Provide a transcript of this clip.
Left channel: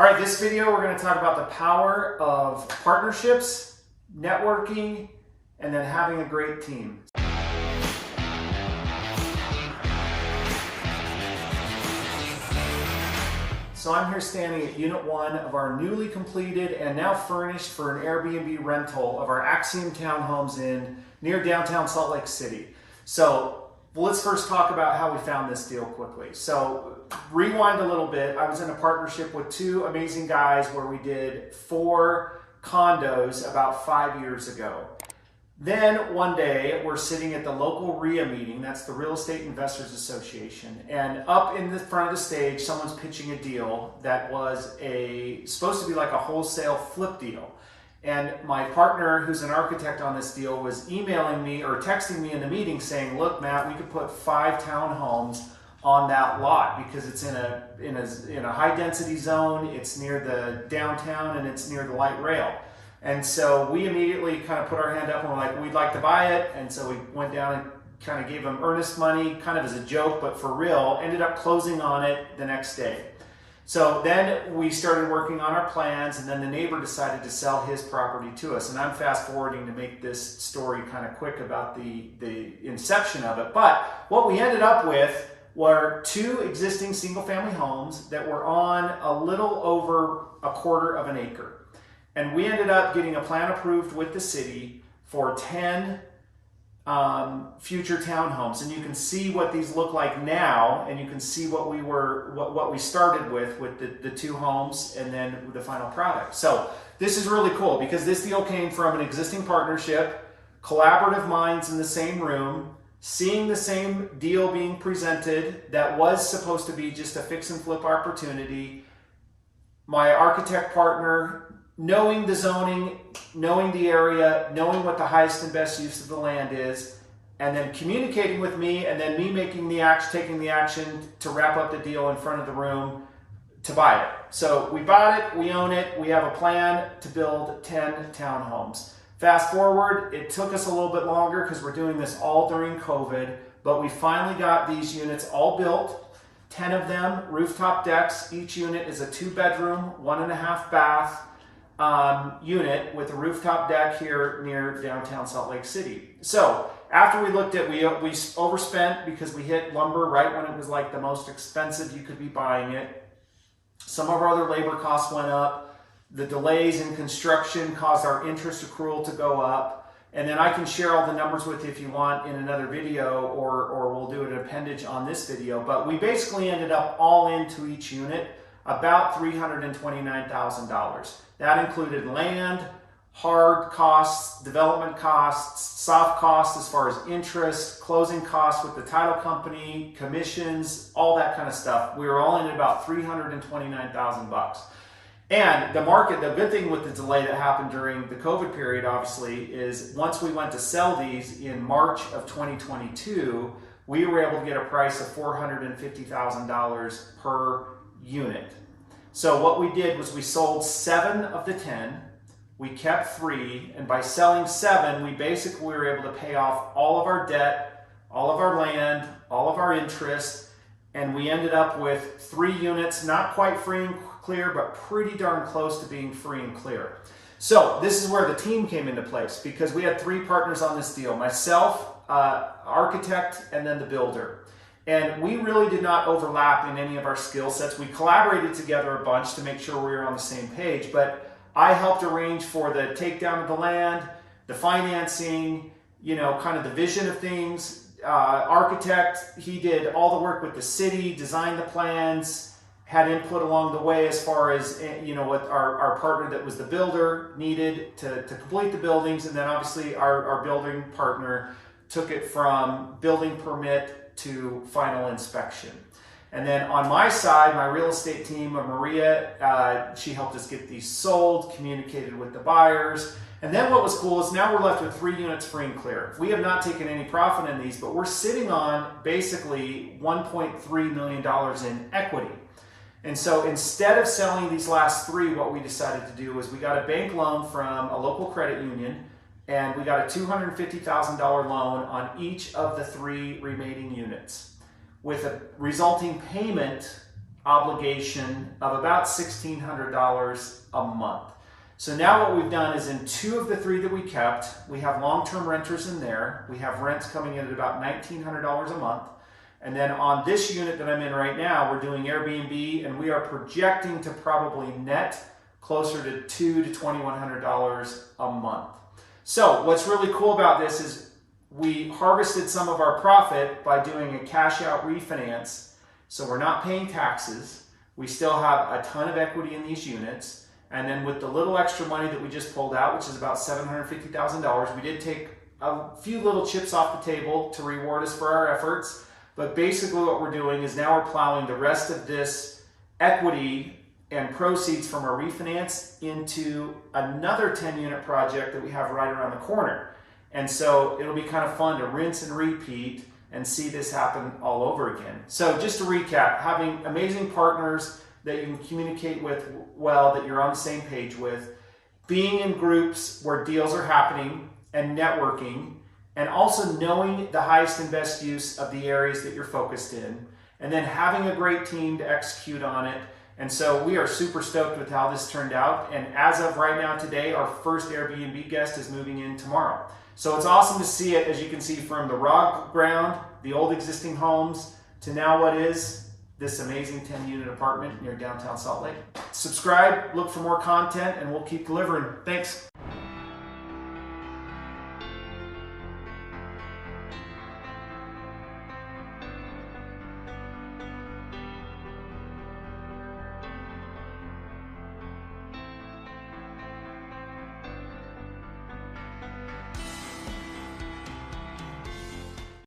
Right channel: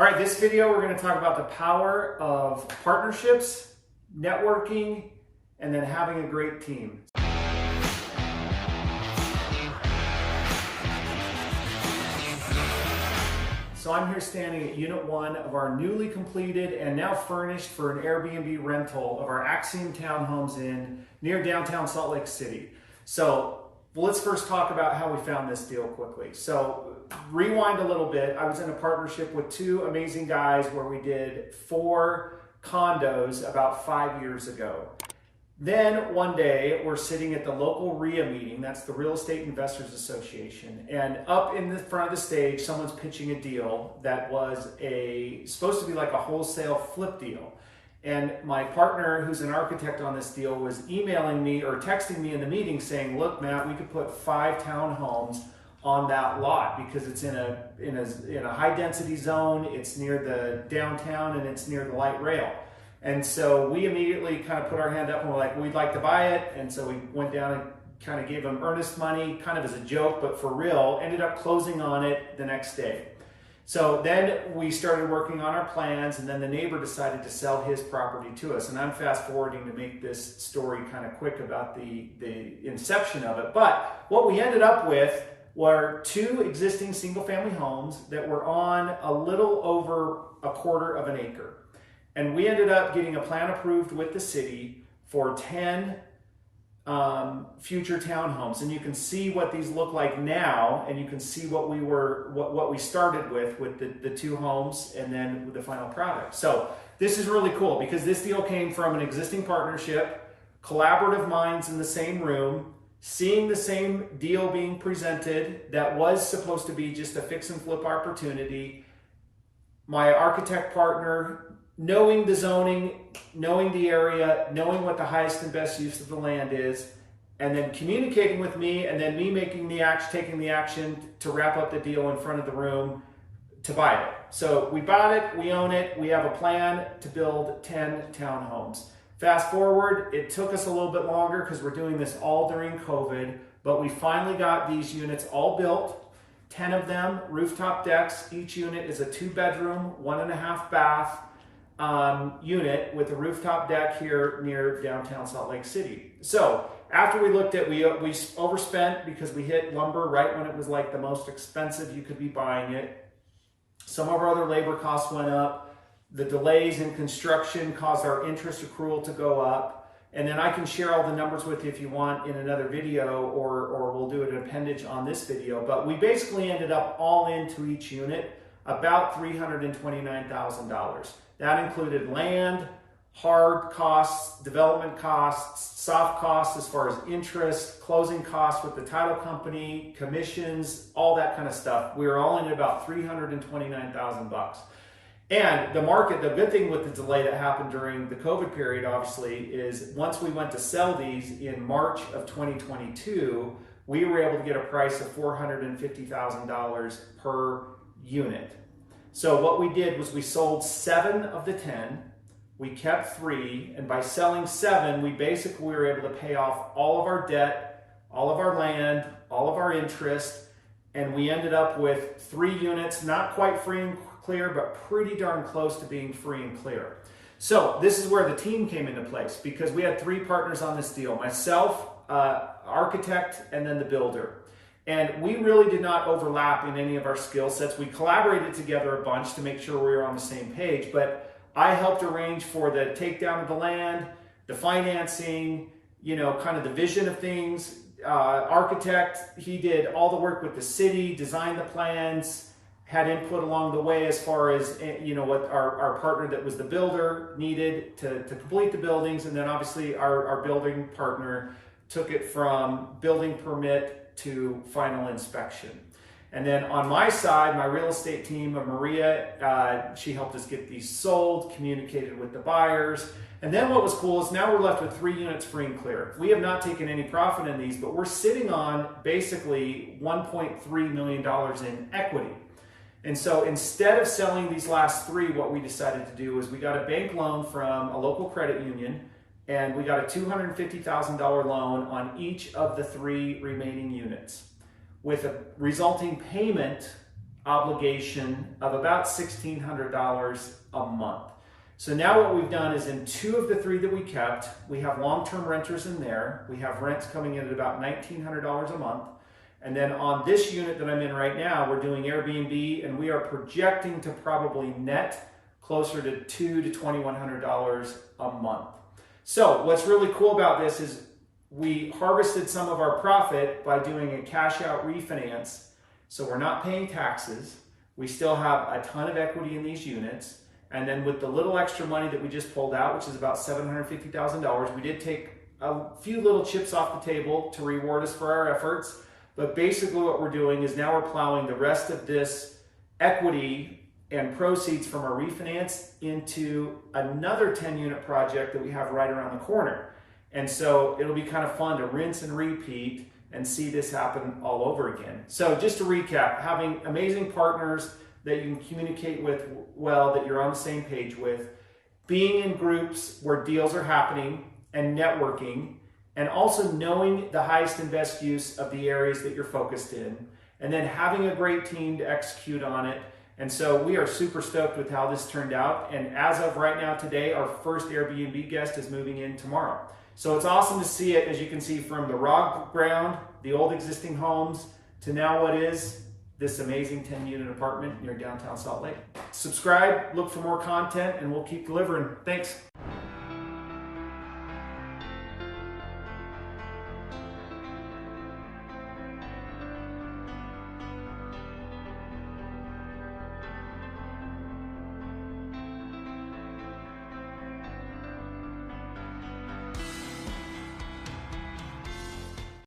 All right, this video we're going to talk about the power of partnerships, networking, and then having a great team. So I'm here standing at Unit 1 of our newly completed and now furnished for an Airbnb rental of our Axiom townhomes near downtown Salt Lake City. So let's first talk about how we found this deal quickly. So rewind a little bit. I was in a partnership with two amazing guys where we did 4 condos about 5 years ago. Then one day we're sitting at the local RIA meeting, that's the Real Estate Investors Association, and up in the front of the stage, someone's pitching a deal that was supposed to be like a wholesale flip deal. And my partner, who's an architect on this deal, was emailing me or texting me in the meeting saying, look, Matt, we could put 5 townhomes on that lot because it's in a high density zone, it's near the downtown, and it's near the light rail. And so we immediately kind of put our hand up and we're like, we'd like to buy it. And so we went down and kind of gave them earnest money, kind of as a joke, but for real, ended up closing on it the next day. So then we started working on our plans, and then the neighbor decided to sell his property to us. And I'm fast forwarding to make this story kind of quick about the inception of it. But what we ended up with were 2 existing single family homes that were on a little over 1/4 of an acre. And we ended up getting a plan approved with the city for 10 future townhomes. And you can see what these look like now, and you can see what we started with the 2 homes and then with the final product. So this is really cool because this deal came from an existing partnership, collaborative minds in the same room, seeing the same deal being presented that was supposed to be just a fix and flip opportunity. My architect partner, knowing the zoning, knowing the area, knowing what the highest and best use of the land is, and then communicating with me, and then me taking the action to wrap up the deal in front of the room to buy it. So we bought it, we own it, we have a plan to build 10 townhomes. Fast forward, it took us a little bit longer because we're doing this all during COVID, but we finally got these units all built, 10 of them, rooftop decks. Each unit is a 2-bedroom, 1.5 bath, unit with a rooftop deck here near downtown Salt Lake City. So after we looked at, we overspent because we hit lumber right when it was like the most expensive you could be buying it. Some of our other labor costs went up. The delays in construction caused our interest accrual to go up. And then I can share all the numbers with you if you want in another video, or we'll do an appendage on this video. But we basically ended up all into each unit about $329,000. That included land, hard costs, development costs, soft costs as far as interest, closing costs with the title company, commissions, all that kind of stuff. We were all in at about $329,000. And the market, the good thing with the delay that happened during the COVID period, obviously, is once we went to sell these in March of 2022, we were able to get a price of $450,000 per unit. So what we did was we sold 7 of the 10, we kept 3, and by selling 7, we basically were able to pay off all of our debt, all of our land, all of our interest, and we ended up with 3 units, not quite free and clear, but pretty darn close to being free and clear. So this is where the team came into place because we had 3 partners on this deal, myself, architect, and then the builder. And we really did not overlap in any of our skill sets. We collaborated together a bunch to make sure we were on the same page, but I helped arrange for the takedown of the land, the financing, kind of the vision of things. Architect, he did all the work with the city, designed the plans, had input along the way as far as, what our partner that was the builder needed to complete the buildings. And then obviously our building partner took it from building permit to final inspection. And then on my side, my real estate team of Maria, she helped us get these sold, communicated with the buyers. And then what was cool is now we're left with 3 units free and clear. We have not taken any profit in these, but we're sitting on basically $1.3 million in equity. And so instead of selling these last 3, what we decided to do is we got a bank loan from a local credit union, and we got a $250,000 loan on each of the 3 remaining units with a resulting payment obligation of about $1,600 a month. So now what we've done is in 2 of the 3 that we kept, we have long-term renters in there. We have rents coming in at about $1,900 a month. And then on this unit that I'm in right now, we're doing Airbnb, and we are projecting to probably net closer to $200 to $2,100 a month. So what's really cool about this is we harvested some of our profit by doing a cash out refinance. So we're not paying taxes. We still have a ton of equity in these units. And then with the little extra money that we just pulled out, which is about $750,000, we did take a few little chips off the table to reward us for our efforts. But basically what we're doing is now we're plowing the rest of this equity and proceeds from our refinance into another 10-unit project that we have right around the corner. And so it'll be kind of fun to rinse and repeat and see this happen all over again. So just to recap, having amazing partners that you can communicate with well, that you're on the same page with, being in groups where deals are happening and networking, and also knowing the highest and best use of the areas that you're focused in, and then having a great team to execute on it. And so we are super stoked with how this turned out. And as of right now today, our first Airbnb guest is moving in tomorrow. So it's awesome to see it, as you can see, from the raw ground, the old existing homes, to now what is this amazing 10-unit apartment near downtown Salt Lake. Subscribe, look for more content, and we'll keep delivering. Thanks.